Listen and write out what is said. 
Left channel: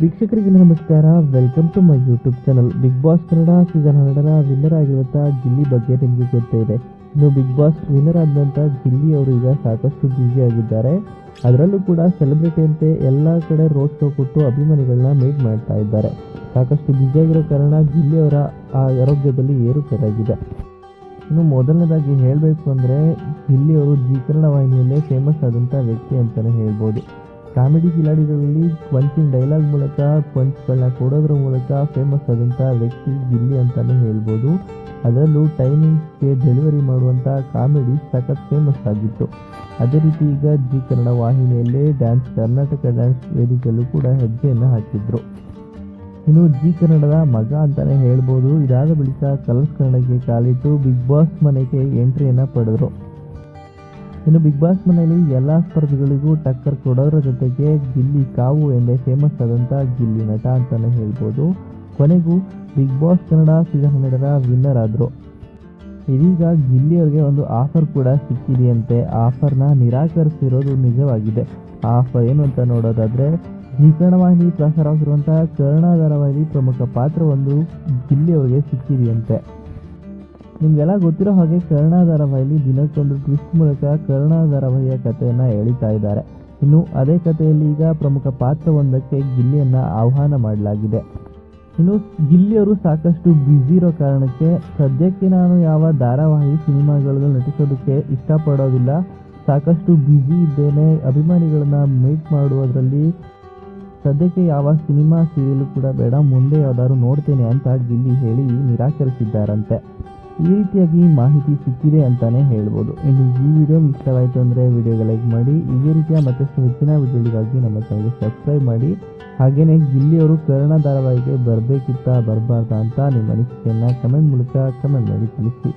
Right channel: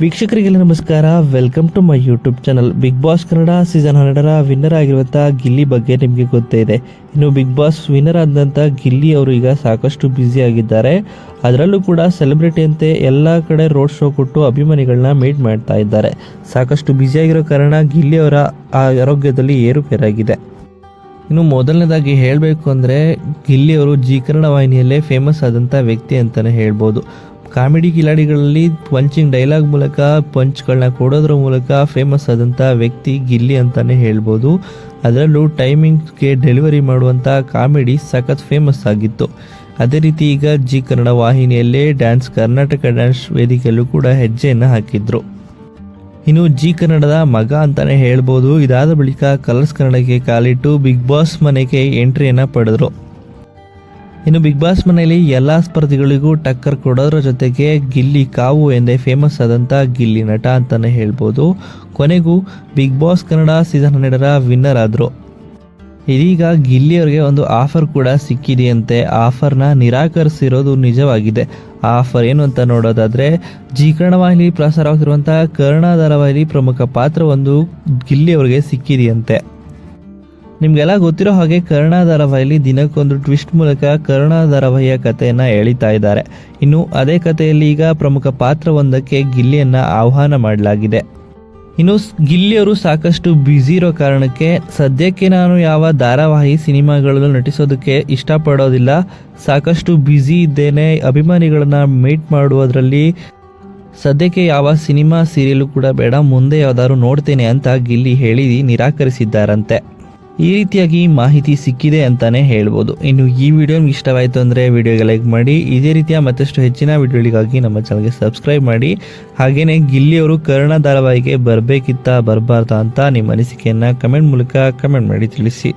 ವೀಕ್ಷಕರಿಗೆಲ್ಲ ನಮಸ್ಕಾರ. Welcome to my YouTube channel big boss Kannada season ಹನ್ನೆರಡರ winner ಆಗಿರುವಂಥ ಗಿಲ್ಲಿ ಬಗ್ಗೆ ನಿಮಗೆ ಗೊತ್ತೇ ಇದೆ. ಇನ್ನು ಬಿಗ್ ಬಾಸ್ ವಿನ್ನರ್ ಆದಂಥ ಗಿಲ್ಲಿ ಅವರು ಈಗ ಸಾಕಷ್ಟು ಬ್ಯುಸಿ ಆಗಿದ್ದಾರೆ. ಅದರಲ್ಲೂ ಕೂಡ ಸೆಲೆಬ್ರಿಟಿ ಅಂತೆ ಎಲ್ಲ ಕಡೆ ರೋಡ್ ಶೋ ಕೊಟ್ಟು ಅಭಿಮಾನಿಗಳನ್ನ ಮೀಟ್ ಮಾಡ್ತಾ ಇದ್ದಾರೆ. ಸಾಕಷ್ಟು ಬ್ಯುಸಿಯಾಗಿರೋ ಕಾರಣ ಗಿಲ್ಲಿ ಅವರ ಆರೋಗ್ಯದಲ್ಲಿ ಏರುಪೇರಾಗಿದೆ. ಇನ್ನು ಮೊದಲನೇದಾಗಿ ಹೇಳಬೇಕು ಅಂದರೆ ಗಿಲ್ಲಿ ಅವರು ಜಿ ಕನ್ನಡ ವಾಹಿನಿಯಲ್ಲೇ ಫೇಮಸ್ ಆದಂಥ ವ್ಯಕ್ತಿ ಅಂತಲೇ ಹೇಳ್ಬೋದು. ಕಾಮಿಡಿ ಕಿಲಾಡಿಗಳಲ್ಲಿ ಪಂಚಿಂಗ್ ಡೈಲಾಗ್ ಮೂಲಕ ಪಂಚ್ಗಳನ್ನ ಕೊಡೋದ್ರ ಮೂಲಕ ಫೇಮಸ್ ಆದಂಥ ವ್ಯಕ್ತಿ ಗಿಲ್ಲಿ ಅಂತಲೇ ಹೇಳ್ಬೋದು. ಅದರಲ್ಲೂ ಟೈಮಿಂಗ್ಸ್ಗೆ ಡೆಲಿವರಿ ಮಾಡುವಂಥ ಕಾಮಿಡಿ ಸಖತ್ ಫೇಮಸ್ ಆಗಿತ್ತು. ಅದೇ ರೀತಿ ಈಗ ಜಿ ಕನ್ನಡ ವಾಹಿನಿಯಲ್ಲೇ ಡ್ಯಾನ್ಸ್ ಕರ್ನಾಟಕ ಡ್ಯಾನ್ಸ್ ವೇದಿಕೆಯಲ್ಲೂ ಕೂಡ ಹೆಜ್ಜೆಯನ್ನು ಹಾಕಿದ್ರು. ಇನ್ನು ಜಿ ಕನ್ನಡದ ಮಗ ಅಂತಾನೆ ಹೇಳ್ಬೋದು. ಇದಾದ ಬಳಿಕ ಕಲರ್ಸ್ ಕನ್ನಡಕ್ಕೆ ಕಾಲಿಟ್ಟು ಬಿಗ್ ಬಾಸ್ ಮನೆಗೆ ಎಂಟ್ರಿಯನ್ನು ಪಡೆದ್ರು. ಇನ್ನು ಬಿಗ್ ಬಾಸ್ ಮನೆಯಲ್ಲಿ ಎಲ್ಲಾ ಸ್ಪರ್ಧಿಗಳಿಗೂ ಟಕ್ಕರ್ ಕೊಡೋದ್ರ ಜೊತೆಗೆ ಗಿಲ್ಲಿ ಕಾವು ಎಂದೇ ಫೇಮಸ್ ಆದಂಥ ಗಿಲ್ಲಿ ನಟ ಅಂತಾನೆ ಹೇಳ್ಬೋದು. ಕೊನೆಗೂ ಬಿಗ್ ಬಾಸ್ ಕನ್ನಡ ಸೀಸನ್ ಹನ್ನೆರಡರ ವಿನ್ನರ್ ಆದರು. ಇದೀಗ ಗಿಲ್ಲಿ ಅವರಿಗೆ ಒಂದು ಆಫರ್ ಕೂಡ ಸಿಕ್ಕಿದೆಯಂತೆ. ಆಫರ್ನ ನಿರಾಕರಿಸಿರೋದು ನಿಜವಾಗಿದೆ. ಆಫರ್ ಏನು ಅಂತ ನೋಡೋದಾದರೆ, ಜಿ ವಾಹಿನಿ ಪ್ರಸಾರವಾಗ್ತಿರುವಂತಹ ಕರ್ಣ ಧಾರಾವಾಹಿಲಿ ಪ್ರಮುಖ ಪಾತ್ರ ಒಂದು ಗಿಲ್ಲಿ ಅವರಿಗೆ ಸಿಕ್ಕಿದೆಯಂತೆ. ನಿಮಗೆಲ್ಲ ಗೊತ್ತಿರೋ ಹಾಗೆ ಕರ್ಣ ಧಾರಾವಾಹಿಲಿ ದಿನಕ್ಕೊಂದು ಟ್ವಿಸ್ಟ್ ಮೂಲಕ ಕರ್ಣ ಧಾರಾವಾಹಿಯ ಕಥೆಯನ್ನು ಎಳಿತಾ ಇದ್ದಾರೆ. ಇನ್ನು ಅದೇ ಕಥೆಯಲ್ಲಿ ಈಗ ಪ್ರಮುಖ ಪಾತ್ರವೊಂದಕ್ಕೆ ಗಿಲ್ಲಿಯನ್ನ ಆಹ್ವಾನ ಮಾಡಲಾಗಿದೆ. ಇನ್ನು ಗಿಲ್ಲಿಯವರು ಸಾಕಷ್ಟು ಬ್ಯುಸಿ ಇರೋ ಕಾರಣಕ್ಕೆ ಸದ್ಯಕ್ಕೆ ನಾನು ಯಾವ ಧಾರಾವಾಹಿ ಸಿನಿಮಾಗಳಲ್ಲೂ ನಟಿಸೋದಕ್ಕೆ ಇಷ್ಟಪಡೋದಿಲ್ಲ. ಸಾಕಷ್ಟು ಬ್ಯುಸಿ ಇದ್ದೇನೆ, ಅಭಿಮಾನಿಗಳನ್ನ ಮೀಟ್ ಮಾಡುವುದರಲ್ಲಿ ಸದ್ಯಕ್ಕೆ ಯಾವ ಸಿನಿಮಾ ಸೀರಿಯಲ್ ಕೂಡ ಬೇಡ, ಮುಂದೆ ಯಾವ್ದಾದ್ರು ನೋಡ್ತೇನೆ ಅಂತ ಗಿಲ್ಲಿ ಹೇಳಿ ನಿರಾಕರಿಸಿದ್ದಾರಂತೆ. ಈ ರೀತಿಯಾಗಿ ಮಾಹಿತಿ ಸಿಕ್ಕಿದೆ ಅಂತಾನೆ ಹೇಳ್ಬೋದು. ಇನ್ನು ಈ ವಿಡಿಯೋ ನಿಮ್ಗೆ ಇಷ್ಟವಾಯಿತು ಅಂದರೆ ವಿಡಿಯೋಗೆ ಲೈಕ್ ಮಾಡಿ, ಇದೇ ರೀತಿಯ ಮತ್ತಷ್ಟು ಹೆಚ್ಚಿನ ವಿಡಿಯೋಗಳಿಗಾಗಿ ನಮ್ಮ ಚಾನಲ್ಗೆ ಸಬ್ಸ್ಕ್ರೈಬ್ ಮಾಡಿ. ಹಾಗೆಯೇ ಗಿಲ್ಲಿಯವರು ಕರ್ಣ ಧಾರಾವಾಹಿಗೆ ಬರಬೇಕಿತ್ತಾ, ಬರಬಾರ್ದಾ ಅಂತ ನಿಮ್ಮ ಅನಿಸಿಕೆಯನ್ನು ಕಮೆಂಟ್ ಮೂಲಕ ಕಮೆಂಟ್ ಮಾಡಿ ತಿಳಿಸಿ.